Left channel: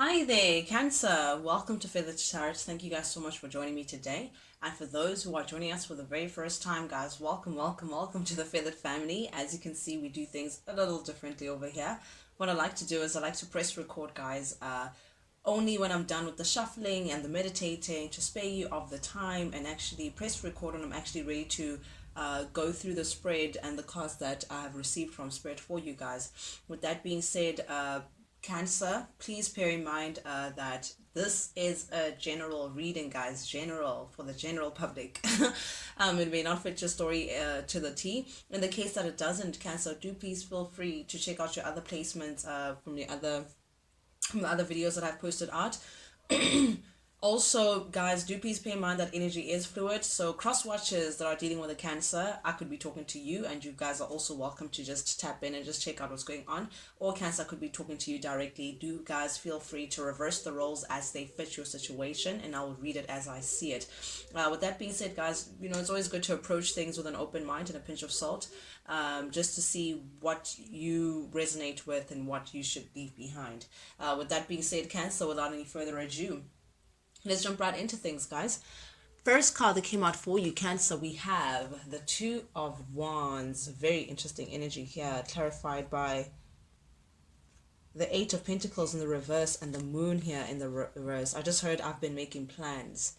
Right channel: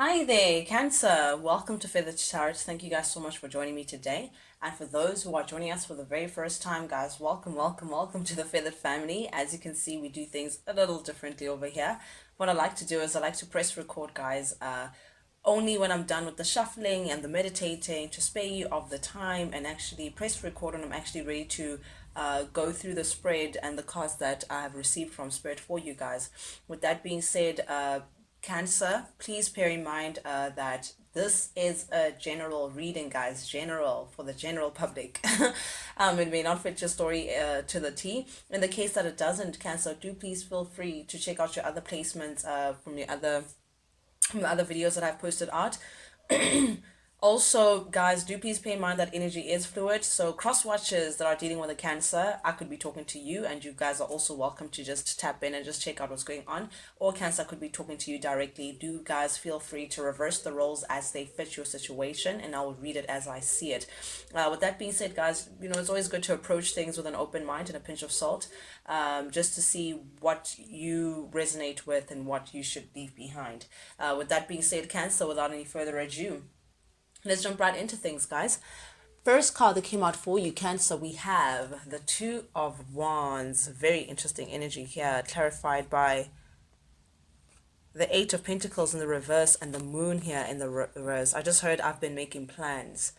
Hi there, Cancer. Welcome to Feathered Tarot. Thank you guys so much for joining me today. And for those who are joining us for the very first time, guys, welcome to the Feathered family. As you can see, we do things a little differently over here. What I like to do is I like to press record, guys, only when I'm done with the shuffling and the meditating to spare you of the time and actually press record when I'm actually ready to go through the spread and the cards that I have received from Spirit for you guys. With that being said, Cancer, please bear in mind that this is a general reading, guys, general for the general public. It may not fit your story to the T. In the case that it doesn't, Cancer, do please feel free to check out your other placements from the other videos that I've posted out. Also, guys, do please pay in mind that energy is fluid. So, cross watchers that are dealing with a cancer, I could be talking to you, and you guys are also welcome to just tap in and just check out what's going on. Or cancer could be talking to you directly. Do guys feel free to reverse the roles as they fit your situation, and I will read it as I see it. With that being said, guys, it's always good to approach things with an open mind and a pinch of salt, just to see what you resonate with and what you should leave behind. With that being said, Cancer, without any further ado, let's jump right into things, guys. First card that came out for you, Cancer, we have the Two of Wands. Very interesting energy here, clarified by the Eight of Pentacles in the reverse and the Moon here in the reverse. I just heard I've been making plans,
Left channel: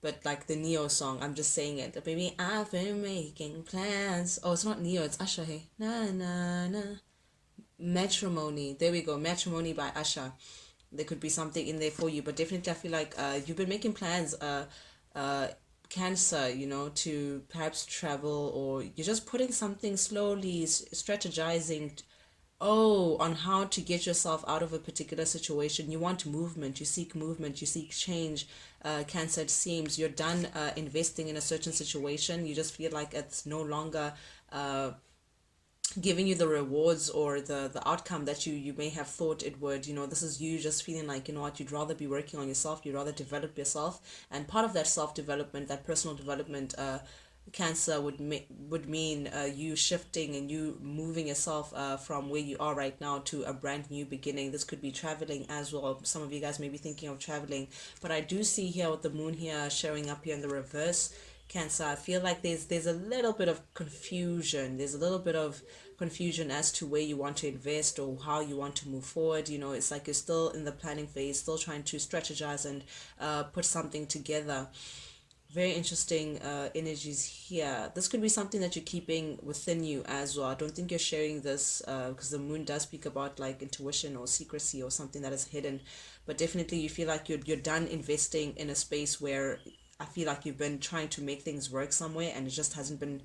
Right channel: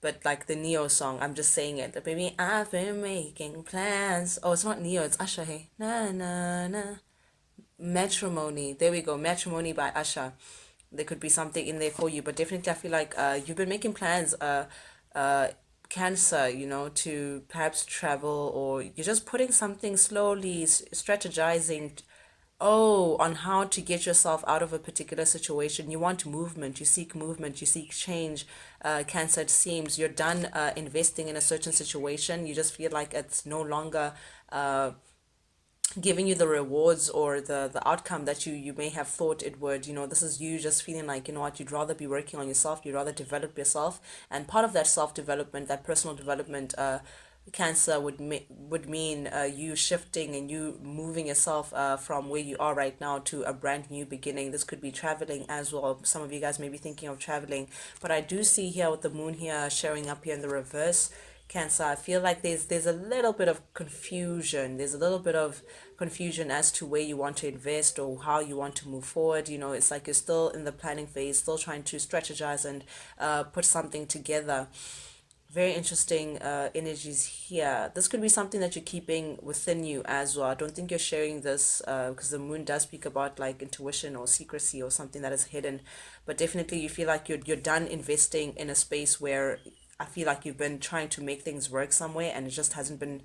but like the Neo song, I'm just saying it. Baby, I've been making plans. Oh, it's not Neo, it's Usher. Hey, na na na. Matrimony. There we go. Matrimony by Usher. There could be something in there for you, but definitely I feel like you've been making plans, uh, Cancer, to perhaps travel, or you're just putting something slowly, strategizing, on how to get yourself out of a particular situation. You want movement, you seek change. Cancer, it seems you're done investing in a certain situation. You just feel like it's no longer giving you the rewards or the outcome that you may have thought it would. This is you just feeling like, what, you'd rather be working on yourself, you'd rather develop yourself. And part of that self-development, that personal development, Cancer would mean you shifting and you moving yourself from where you are right now to a brand new beginning. This could be traveling as well. Some of you guys may be thinking of traveling, but I do see here with the Moon here showing up here in the reverse, Cancer, I feel like there's a little bit of confusion. There's a little bit of confusion as to where you want to invest or how you want to move forward. It's like you're still in the planning phase, still trying to strategize and put something together. Very interesting energies here. This could be something that you're keeping within you as well. I don't think you're sharing this because the Moon does speak about like intuition or secrecy or something that is hidden. But definitely you feel like you're done investing in a space where I feel like you've been trying to make things work somewhere and it just hasn't been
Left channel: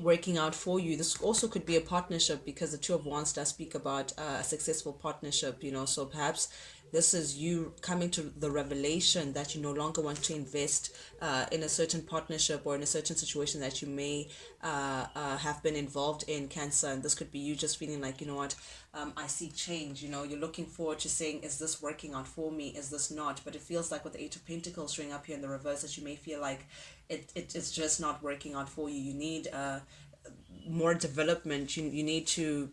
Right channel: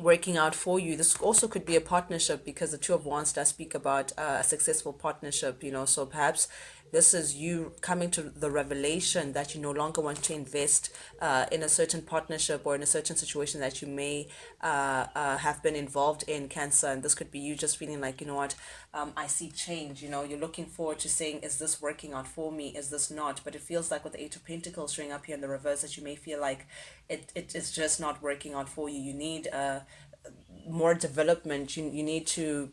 working out for you. This also could be a partnership because the Two of Wands does speak about a successful partnership, so perhaps this is you coming to the revelation that you no longer want to invest in a certain partnership or in a certain situation that you may have been involved in, Cancer. And this could be you just feeling like, what, I see change. You're looking forward to saying, is this working out for me? Is this not? But it feels like with the Eight of Pentacles showing up here in the reverse that you may feel like it is just not working out for you. You need more development. You need to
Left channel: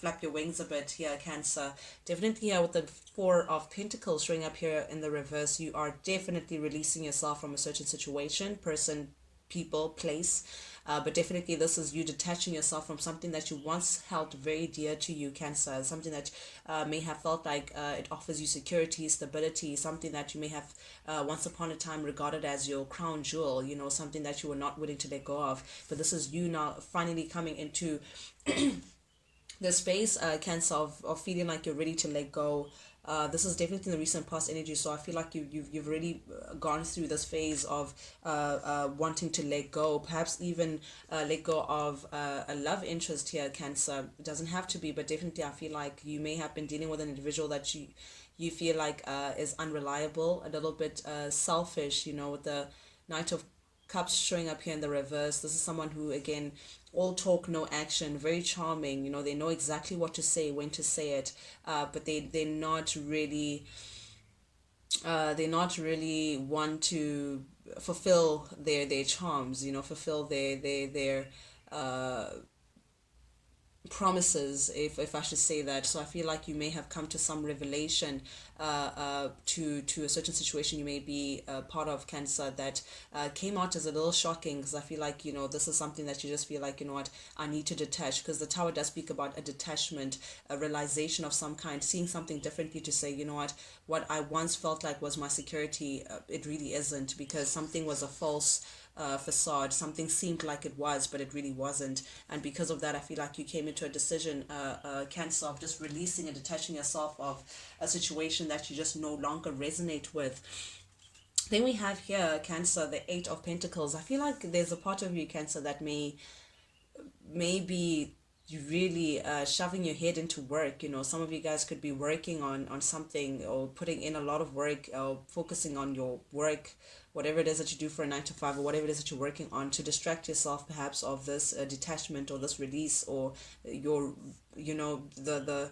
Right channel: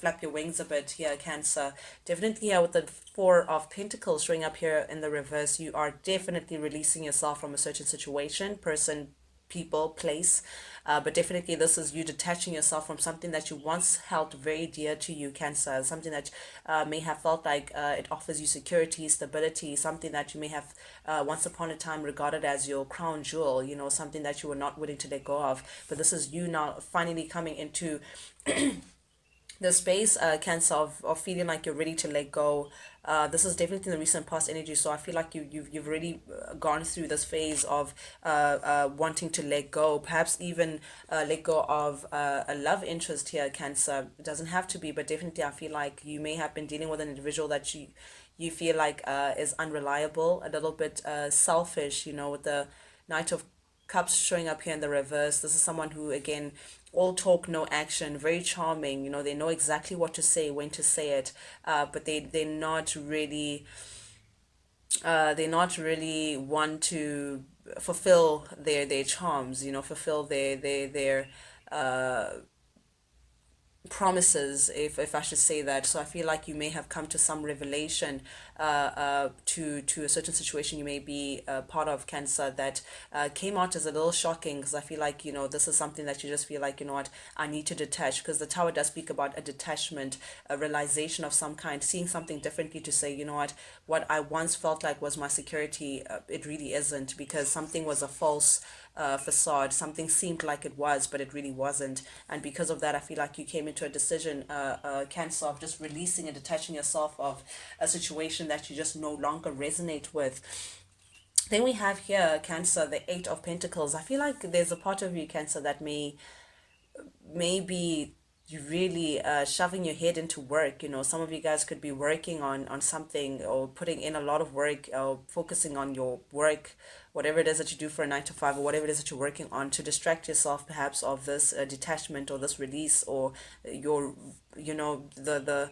flap your wings a bit here, Cancer. Definitely here with the Four of Pentacles showing up here in the reverse, you are definitely releasing yourself from a certain situation, person, people, place. But definitely this is you detaching yourself from something that you once held very dear to you, Cancer. Something that may have felt like it offers you security, stability, something that you may have once upon a time regarded as your crown jewel, something that you were not willing to let go of. But this is you now finally coming into the space, Cancer, of feeling like you're ready to let go. This is definitely in the recent past energy, so I feel like you've already gone through this phase of wanting to let go, perhaps even let go of a love interest here, Cancer. It doesn't have to be, but definitely I feel like you may have been dealing with an individual that you feel like is unreliable, a little bit selfish, with the Knight of Cups showing up here in the reverse. This is someone who, again, all talk, no action, very charming. They know exactly what to say, when to say it, but they're not really one to fulfill their charms. Fulfill their promises, if I should say that. So I feel like you may have come to some revelation to a certain situation you may be part of, Cancer, that came out as a little shocking, because I feel like, this is something that you just feel like, what, I need to detach, because the Tower does speak about a detachment, a realization of some kind, seeing something differently, to say, what I once felt like was my security, it really isn't, because something was a false facade. Something seemed like it was, but it really wasn't. And because of that, I feel like you came into a decision, Cancer, of just releasing and detaching yourself of a situation that you just no longer resonate with. Then we have here, Cancer, the Eight of Pentacles. I feel like there's a part of you, Cancer, that maybe you really shoving your head into work. Some of you guys could be working on something, or putting in a lot of work, or focusing on your work, whatever it is that you do for a 9 to 5, or whatever it is that you're working on, to distract yourself perhaps of this detachment, or this release, or your, the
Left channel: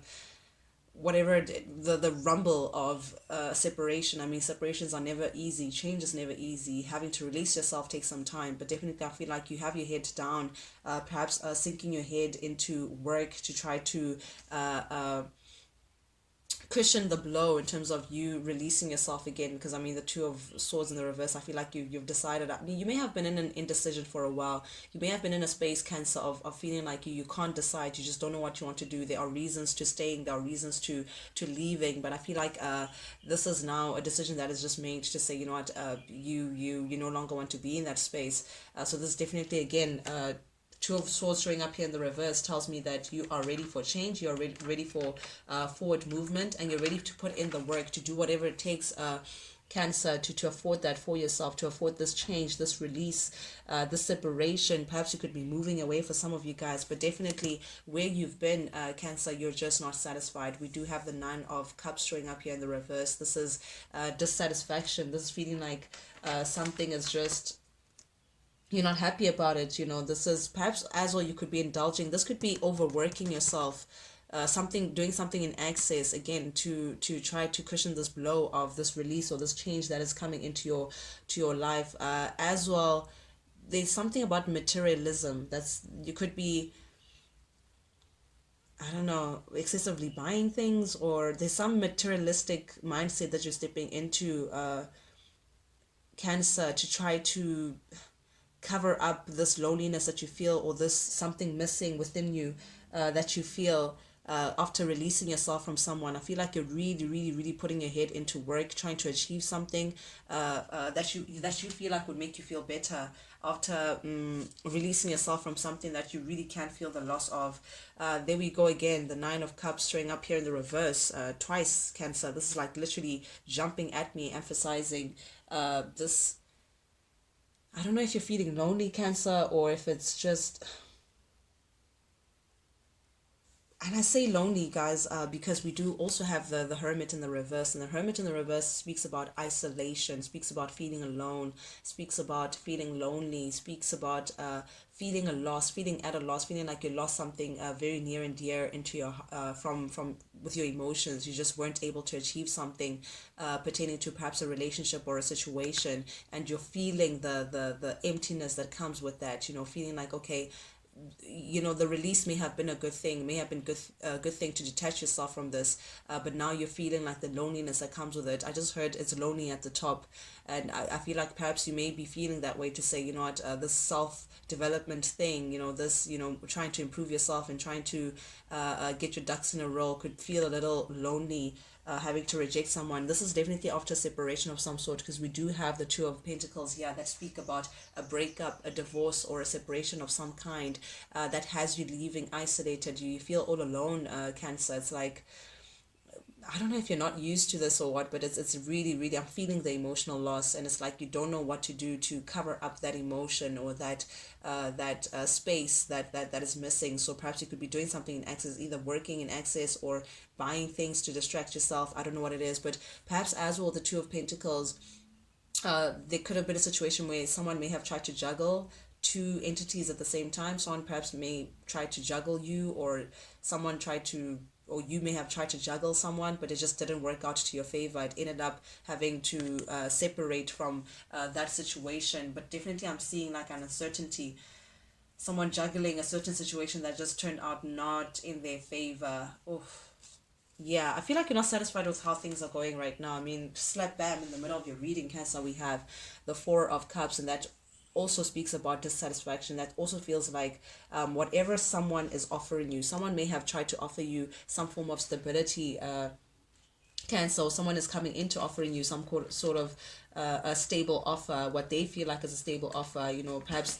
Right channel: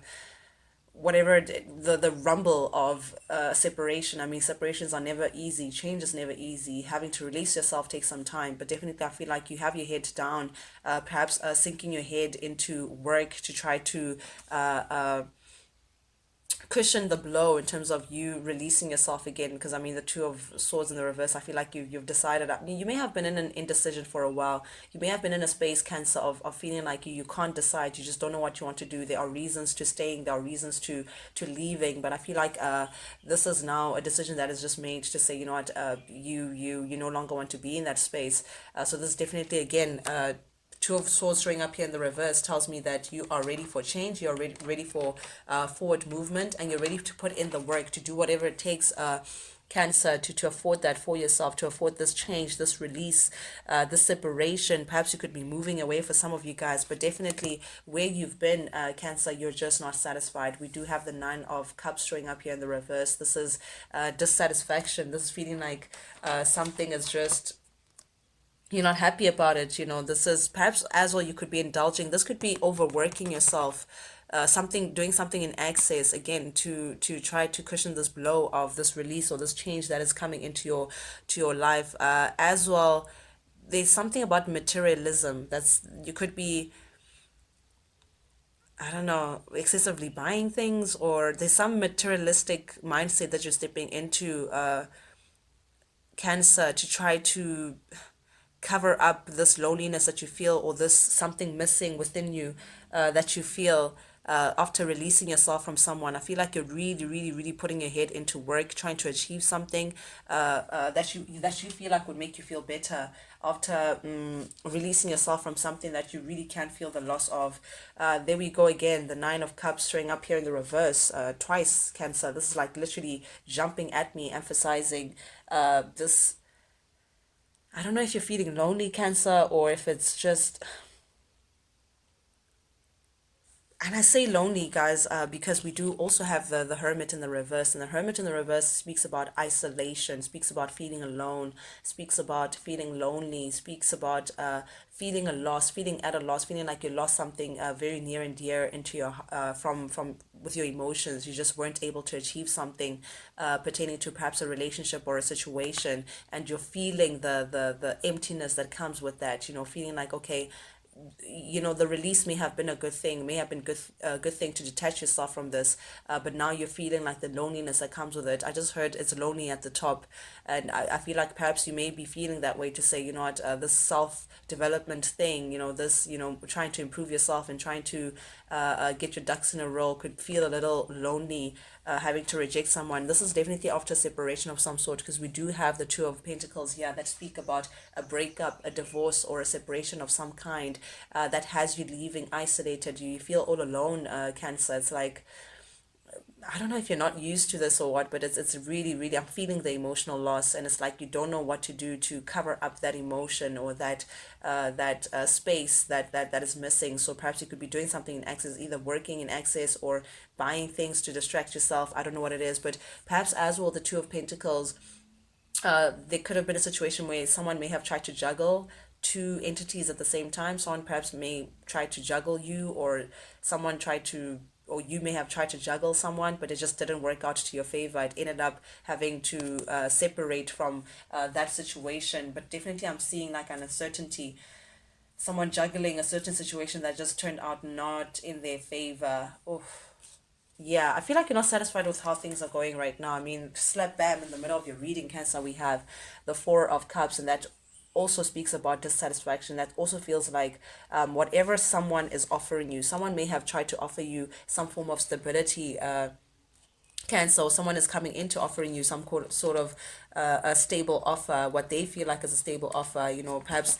whatever, the rumble of separation. I mean, separations are never easy, change is never easy, having to release yourself takes some time, but definitely I feel like you have your head down, perhaps sinking your head into work to try to cushion the blow, in terms of you releasing yourself again. Because I mean, the Two of Swords in the reverse, I feel like you've decided. You may have been in an indecision for a while. You may have been in a space, Cancer, of feeling like you can't decide. You just don't know what you want to do. There are reasons to staying, there are reasons to leaving, but I feel like this is now a decision that is just made, to say, what, you no longer want to be in that space. So this is definitely, again, Two of Swords showing up here in the reverse tells me that you are ready for change, you're ready for forward movement, and you're ready to put in the work, to do whatever it takes, Cancer, to afford that for yourself, to afford this change, this release, this separation. Perhaps you could be moving away for some of you guys, but definitely where you've been, Cancer, you're just not satisfied. We do have the Nine of Cups showing up here in the reverse. This is dissatisfaction. This is feeling like something is just, you're not happy about it. This is perhaps, as well, you could be indulging, this could be overworking yourself, something, doing something in excess, again, to try to cushion this blow of this release, or this change that is coming into your life, as well. There's something about materialism, that's, you could be, I don't know, excessively buying things, or there's some materialistic mindset that you're stepping into, Cancer, to try to cover up this loneliness that you feel, or this something missing within you, that you feel, after releasing yourself from someone. I feel like you're really, really, really putting your head into work, trying to achieve something that you feel like would make you feel better, after releasing yourself from something that you really can't feel the loss of. There we go again, the Nine of Cups showing up here in the reverse, twice, Cancer. This is like literally jumping at me, emphasizing this. I don't know if you're feeling lonely, Cancer, or if it's just, and I say lonely, guys, because we do also have the Hermit in the reverse, and the Hermit in the reverse speaks about isolation, speaks about feeling alone, speaks about feeling lonely, speaks about feeling a loss, feeling at a loss, feeling like you lost something very near and dear into your, from with your emotions. You just weren't able to achieve something pertaining to perhaps a relationship or a situation, and you're feeling the emptiness that comes with that. Feeling like, okay, the release may have been a good thing, may have been a good thing to detach yourself from this, but now you're feeling like the loneliness that comes with it. I just heard it's lonely at the top, and I feel like perhaps you may be feeling that way, to say, what, this self development thing, this, trying to improve yourself and trying to get your ducks in a row, could feel a little lonely, having to reject someone. This is definitely after separation of some sort, because we do have the Two of Pentacles here that speak about a breakup, a divorce, or a separation of some kind, that has you leaving isolated. You feel all alone, Cancer. It's like, I don't know if you're not used to this or what, but it's really, really, I'm feeling the emotional loss, and it's like you don't know what to do to cover up that emotion, or that space that is missing. So perhaps you could be doing something in excess, either working in excess, or buying things to distract yourself. I don't know what it is, but perhaps, as well, the Two of Pentacles, there could have been a situation where someone may have tried to juggle two entities at the same time. Someone perhaps may try to juggle you, or someone tried to, or you may have tried to juggle someone, but it just didn't work out to your favor. It ended up having to separate from that situation. But definitely, I'm seeing like an uncertainty. someone juggling a certain situation that just turned out not in their favor. Oof. Yeah, I feel like you're not satisfied with how things are going right now. I mean, slap bam in the middle of your reading, Cancer, we have the Four of Cups, and that also speaks about dissatisfaction. That also feels like whatever someone is offering you, someone may have tried to offer you some form of stability. Cancer, someone is coming into offering you some sort of a stable offer, what they feel like is a stable offer. Perhaps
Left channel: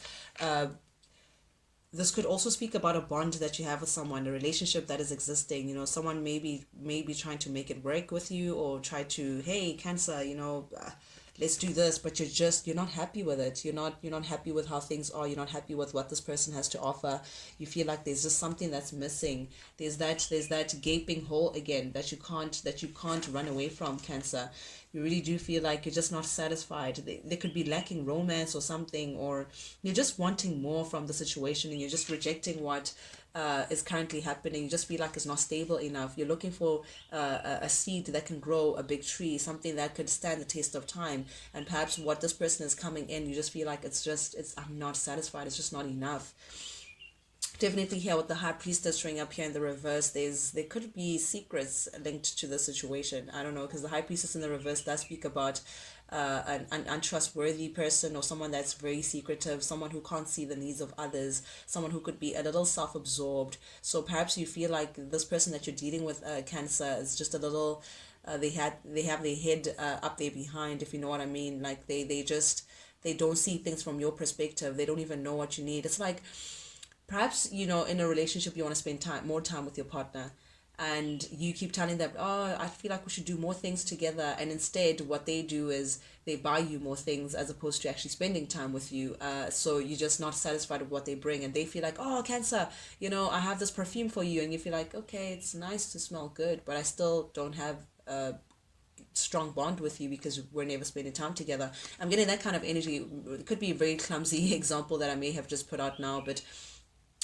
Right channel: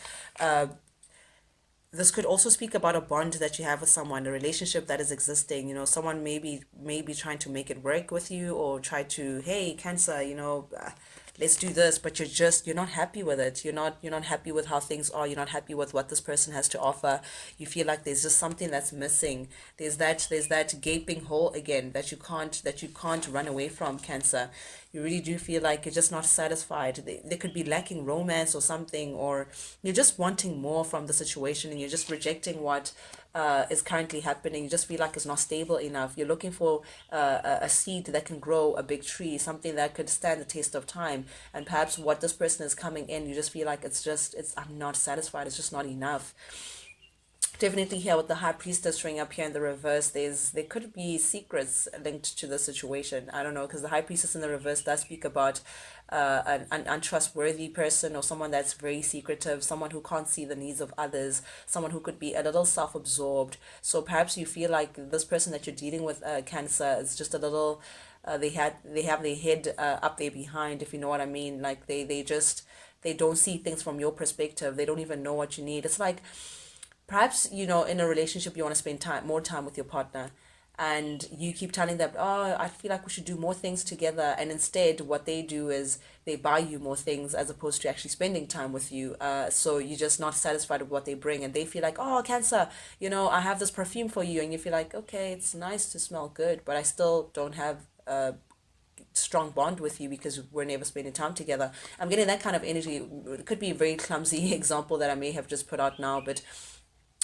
this could also speak about a bond that you have with someone, a relationship that is existing. Someone maybe trying to make it work with you, or try to, hey, Cancer, let's do this, but you're not happy with it. You're not happy with how things are. You're not happy with what this person has to offer. You feel like there's just something that's missing. There's that gaping hole again that you can't run away from, Cancer. You really do feel like you're just not satisfied. They could be lacking romance or something, or you're just wanting more from the situation, and you're just rejecting what is currently happening. You just feel like it's not stable enough. You're looking for a seed that can grow a big tree, something that could stand the test of time. And perhaps what this person is coming in, you just feel like I'm not satisfied. It's just not enough. Definitely here with the High Priestess showing up here in the reverse, there could be secrets linked to the situation. I don't know, because the High Priestess in the reverse does speak about an untrustworthy person, or someone that's very secretive, someone who can't see the needs of others, someone who could be a little self-absorbed. So perhaps you feel like this person that you're dealing with, Cancer, is just a little they have their head up there behind, if you know what I mean. Like they don't see things from your perspective. They don't even know what you need. It's like, perhaps, in a relationship, you want to spend more time with your partner, and you keep telling them, oh, I feel like we should do more things together, and instead what they do is they buy you more things as opposed to actually spending time with you. So you're just not satisfied with what they bring, and they feel like, oh, Cancer, I have this perfume for you, and you feel like, okay, it's nice to smell good, but I still don't have a strong bond with you because we're never spending time together. I'm getting that kind of energy. It could be a very clumsy example that I may have just put out now, but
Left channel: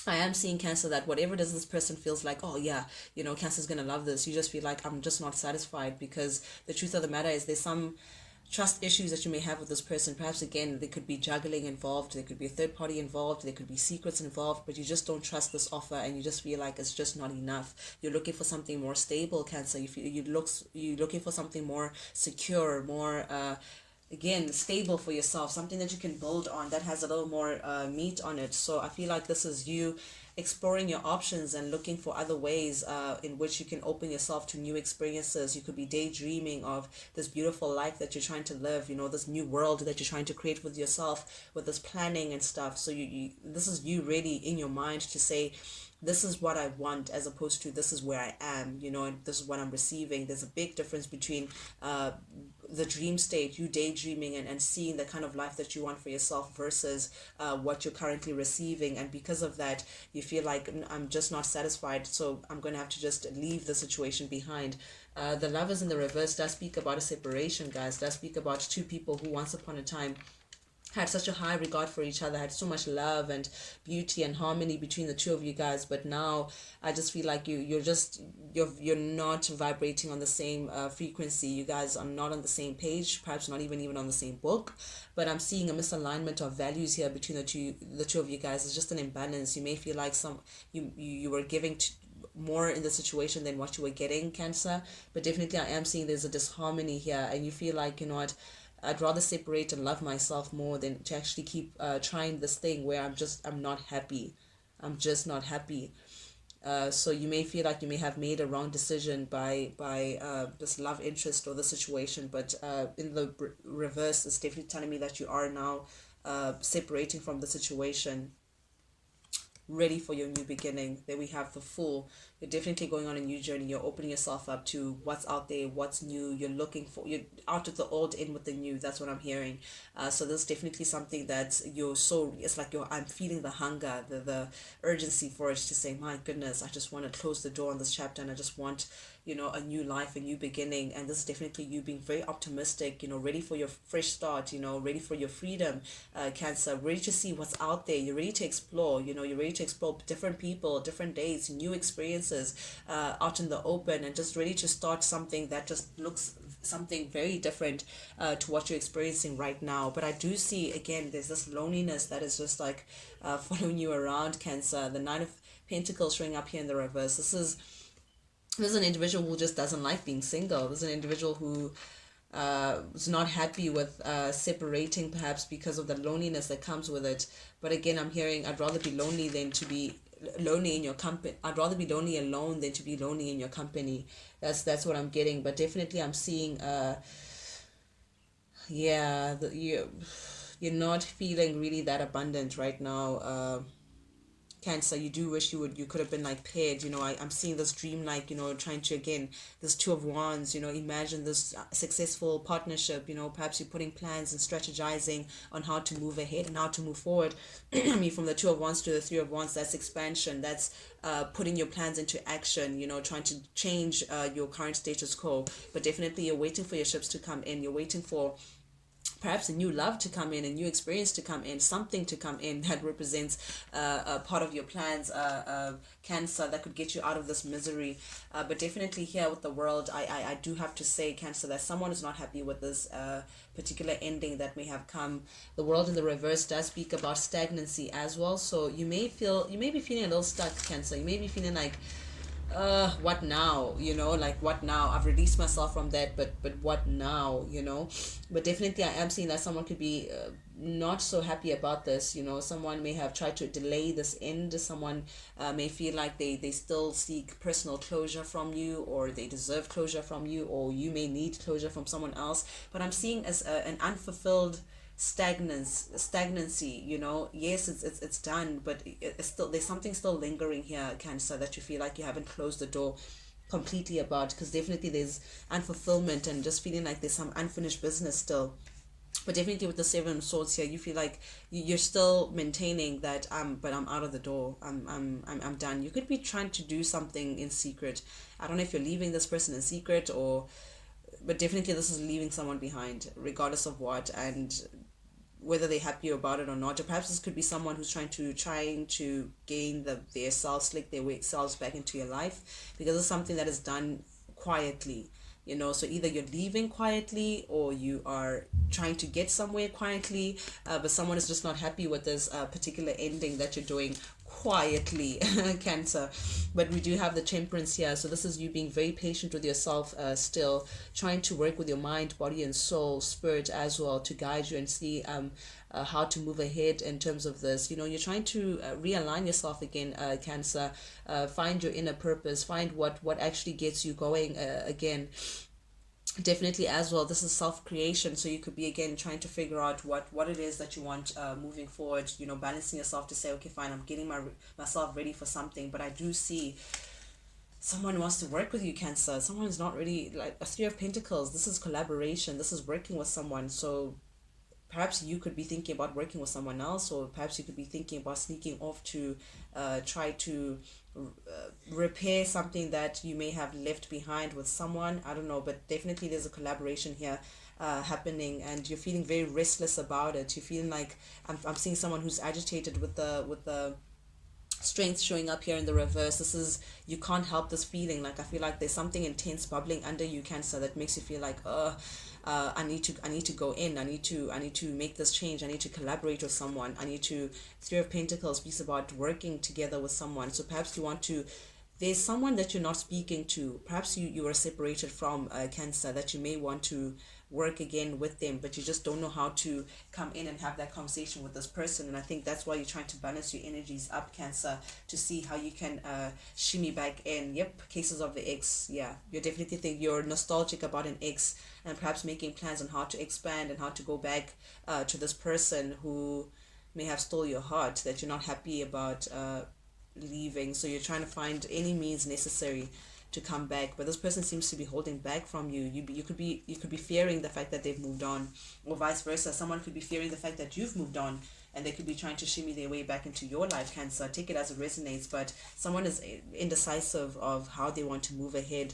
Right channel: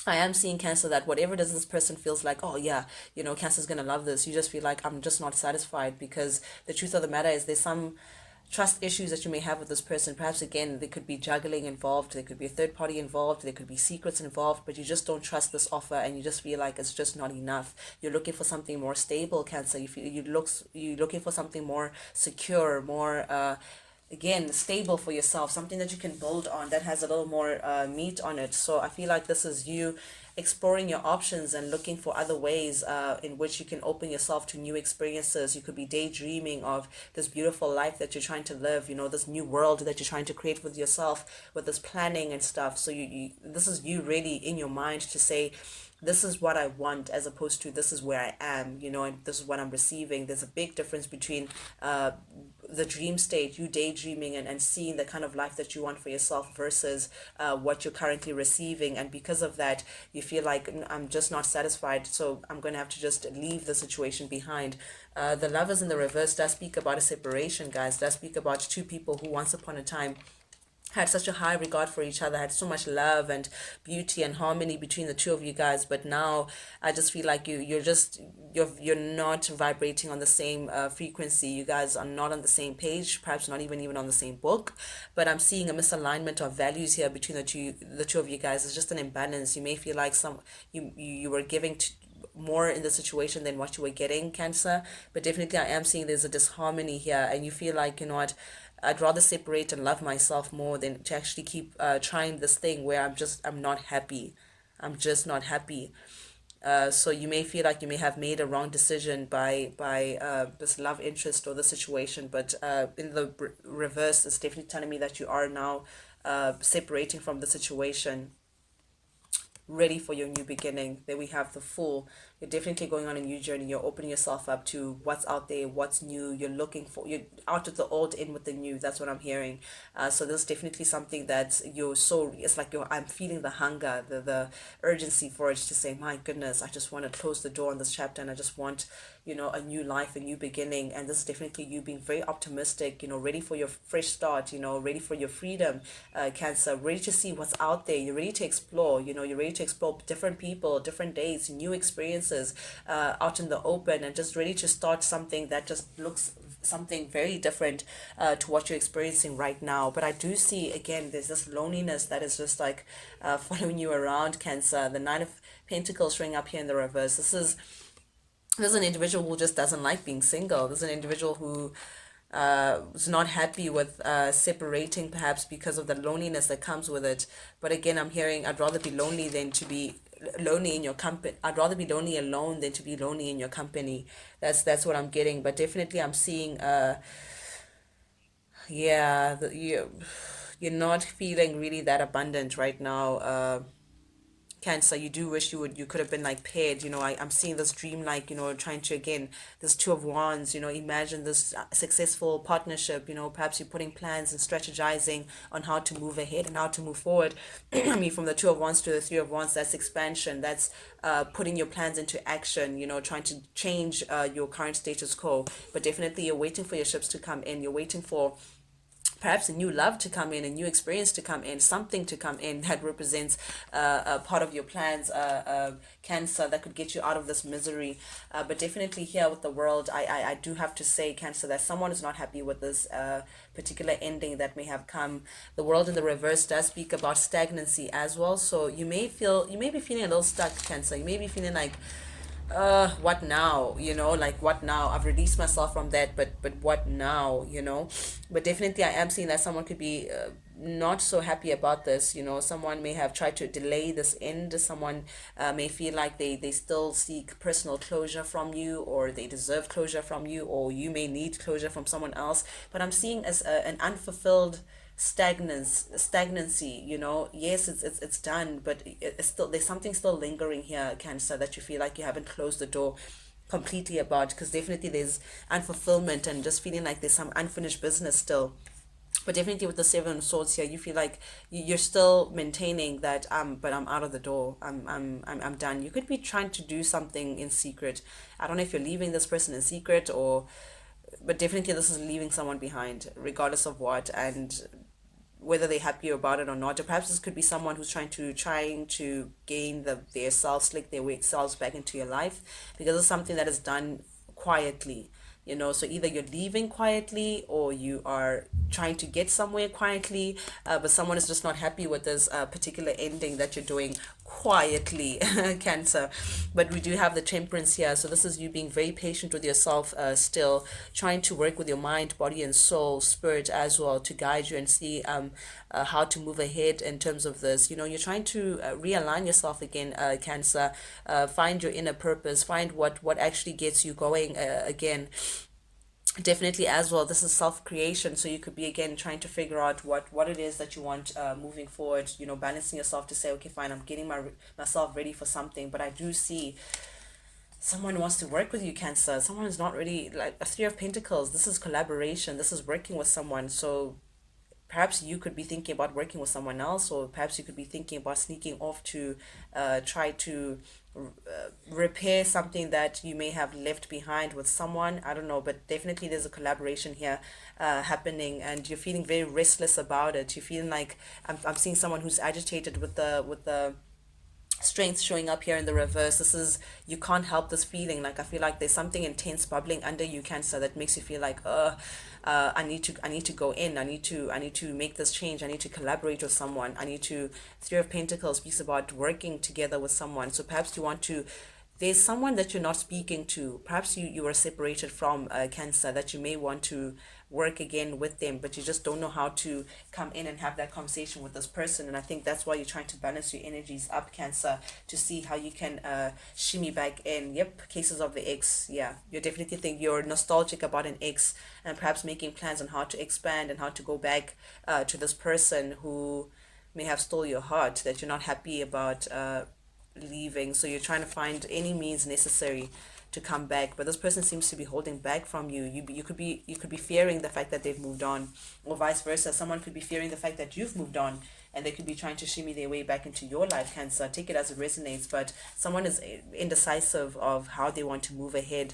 I am seeing, Cancer, that whatever it is this person feels like, oh yeah, Cancer's gonna love this. You just feel like, I'm just not satisfied, because the truth of the matter is there's some trust issues that you may have with this person. Perhaps again, there could be juggling involved, there could be a third party involved, there could be secrets involved, but you just don't trust this offer, and you just feel like it's just not enough. You're looking for something more stable, Cancer. You're looking for something more secure, more again, stable for yourself, something that you can build on, that has a little more meat on it. So I feel like this is you exploring your options and looking for other ways in which you can open yourself to new experiences. You could be daydreaming of this beautiful life that you're trying to live, this new world that you're trying to create with yourself, with this planning and stuff. So this is you really in your mind to say, this is what I want, as opposed to this is where I am, and this is what I'm receiving. There's a big difference between the dream state, you daydreaming and seeing the kind of life that you want for yourself, versus what you're currently receiving. And because of that, you feel like, I'm just not satisfied, so I'm going to have to just leave the situation behind. The Lovers in the reverse does speak about a separation, guys. Does speak about two people who once upon a time had such a high regard for each other, had so much love and beauty and harmony between the two of you guys. But now I just feel like you're not vibrating on the same frequency. You guys are not on the same page, perhaps not even on the same book. But I'm seeing a misalignment of values here between the two of you guys. It's just an imbalance. You may feel like you were giving more in the situation than what you were getting, Cancer. But definitely I am seeing there's a disharmony here, and you feel like, what, I'd rather separate and love myself more than to actually keep trying this thing where I'm not happy. I'm just not happy. So you may feel like you may have made a wrong decision by this love interest or the situation, but in the reverse, it's definitely telling me that you are now separating from the situation, ready for your new beginning. There we have the Fool. You're definitely going on a new journey. You're opening yourself up to what's out there, what's new. You're out of the old, in with the new. That's what I'm hearing. So there's definitely something that it's like I'm feeling the hunger, the urgency for it, to say, my goodness, I just want to close the door on this chapter, and I just want, a new life, a new beginning. And this is definitely you being very optimistic, ready for your fresh start, ready for your freedom, Cancer, ready to see what's out there. You're ready to explore, you're ready to explore different people, different days, new experiences out in the open, and just ready to start something that just looks something very different to what you're experiencing right now. But I do see, again, there's this loneliness that is just like following you around, Cancer. The Nine of Pentacles showing up here in the reverse. This is an individual who just doesn't like being single. This is an individual who is not happy with separating, perhaps because of the loneliness that comes with it. But again, I'm hearing I'd rather be lonely than to be lonely in your company. I'd rather be lonely alone than to be lonely in your company. That's what I'm getting. But definitely I'm seeing yeah, you're not feeling really that abundant right now. Cancer, you do wish you could have been like paired. I'm seeing this dream, like, trying to, again, this Two of Wands, imagine this successful partnership. Perhaps you're putting plans and strategizing on how to move ahead and how to move forward. I mean, from the Two of Wands to the Three of Wands, that's expansion. That's putting your plans into action, trying to change your current status quo. But definitely you're waiting for your ships to come in. You're waiting for perhaps a new love to come in, a new experience to come in, something to come in that represents a part of your plans, Cancer, that could get you out of this misery. But definitely here with the World, I do have to say, Cancer, that someone is not happy with this particular ending that may have come. The World in the reverse does speak about stagnancy as well. So you may be feeling a little stuck, Cancer. You may be feeling like, what now, like, what now? I've released myself from that, but what now, but definitely I am seeing that someone could be not so happy about this. Someone may have tried to delay this end. Someone may feel like they still seek personal closure from you, or they deserve closure from you, or you may need closure from someone else. But I'm seeing as an unfulfilled stagnancy. Yes, it's done, but it's still, there's something still lingering here, Cancer, that you feel like you haven't closed the door completely about, because definitely there's unfulfillment and just feeling like there's some unfinished business still. But definitely with the Seven of Swords here, you feel like you're still maintaining that, but I'm out of the door. I'm done. You could be trying to do something in secret. I don't know if you're leaving this person in secret, or but definitely this is leaving someone behind, regardless of what, and whether they're happy about it or not. Or perhaps this could be someone who's trying to gain their selves, slick their selves back into your life, because it's something that is done quietly. So either you're leaving quietly, or you are trying to get somewhere quietly, but someone is just not happy with this particular ending that you're doing quietly, Cancer. But we do have the Temperance here, so this is you being very patient with yourself, still trying to work with your mind, body, and soul, spirit as well, to guide you and see how to move ahead in terms of this. You're trying to realign yourself again, Cancer. Find your inner purpose, find what actually gets you going again. Definitely as well, this is self-creation, so you could be, again, trying to figure out what it is that you want moving forward. Balancing yourself to say, okay, fine, I'm getting myself ready for something. But I do see someone wants to work with you, Cancer. Someone is not really, like, a Three of Pentacles. This is collaboration, this is working with someone. So perhaps you could be thinking about working with someone else, or perhaps you could be thinking about sneaking off to try to repair something that you may have left behind with someone. I don't know, but definitely there's a collaboration here happening, and you're feeling very restless about it. You're feeling like, I'm seeing someone who's agitated with the Strength showing up here in the reverse. This is, you can't help this feeling. Like, I feel like there's something intense bubbling under you, Cancer, that makes you feel like, I need to go in. I need to make this change. I need to collaborate with someone. I need to. Three of Pentacles speaks about working together with someone. So perhaps you want to. There's someone that you're not speaking to. Perhaps you are separated from Cancer, that you may want to work again with them, but you just don't know how to come in and have that conversation with this person. And I think that's why you're trying to balance your energies up, Cancer, to see how you can shimmy back in. Yep, cases of the ex. Yeah, you definitely think you're nostalgic about an ex, and perhaps making plans on how to expand and how to go back to this person who may have stole your heart, that you're not happy about leaving. So you're trying to find any means necessary to come back, but this person seems to be holding back from you. You could be fearing the fact that they've moved on, or vice versa. Someone could be fearing the fact that you've moved on, and they could be trying to shimmy their way back into your life, Cancer. Take it as it resonates, but someone is indecisive of how they want to move ahead.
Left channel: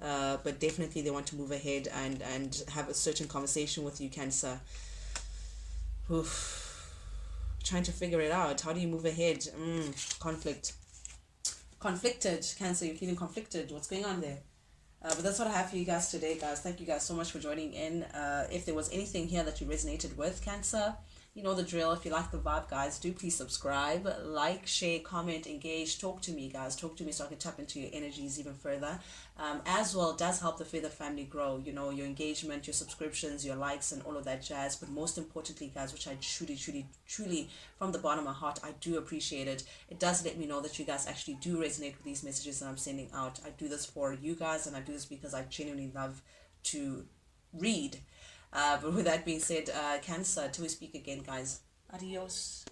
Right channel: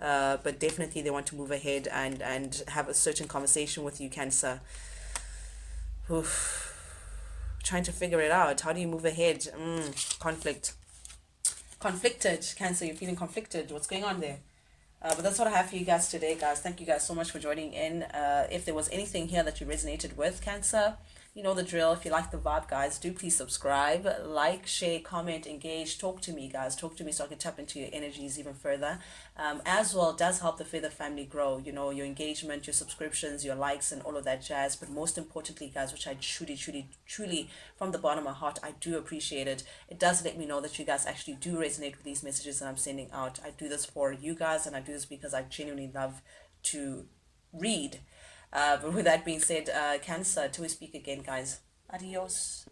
But definitely they want to move ahead and have a certain conversation with you, Cancer. Oof. Trying to figure it out. How do you move ahead? Conflicted, Cancer. You're feeling conflicted. What's going on there? But that's what I have for you guys today, guys. Thank you guys so much for joining in. If there was anything here that you resonated with, Cancer, you know the drill. If you like the vibe, guys, do please subscribe, like, share, comment, engage, talk to me, guys. Talk to me so I can tap into your energies even further. As well, it does help the Feather family grow. You know, your engagement, your subscriptions, your likes, and all of that jazz. But most importantly, guys, which I truly, truly, truly, from the bottom of my heart, I do appreciate it. It does let me know that you guys actually do resonate with these messages that I'm sending out. I do this for you guys, and I do this because I genuinely love to read. But with that being said, Cancer, till we speak again, guys. Adios.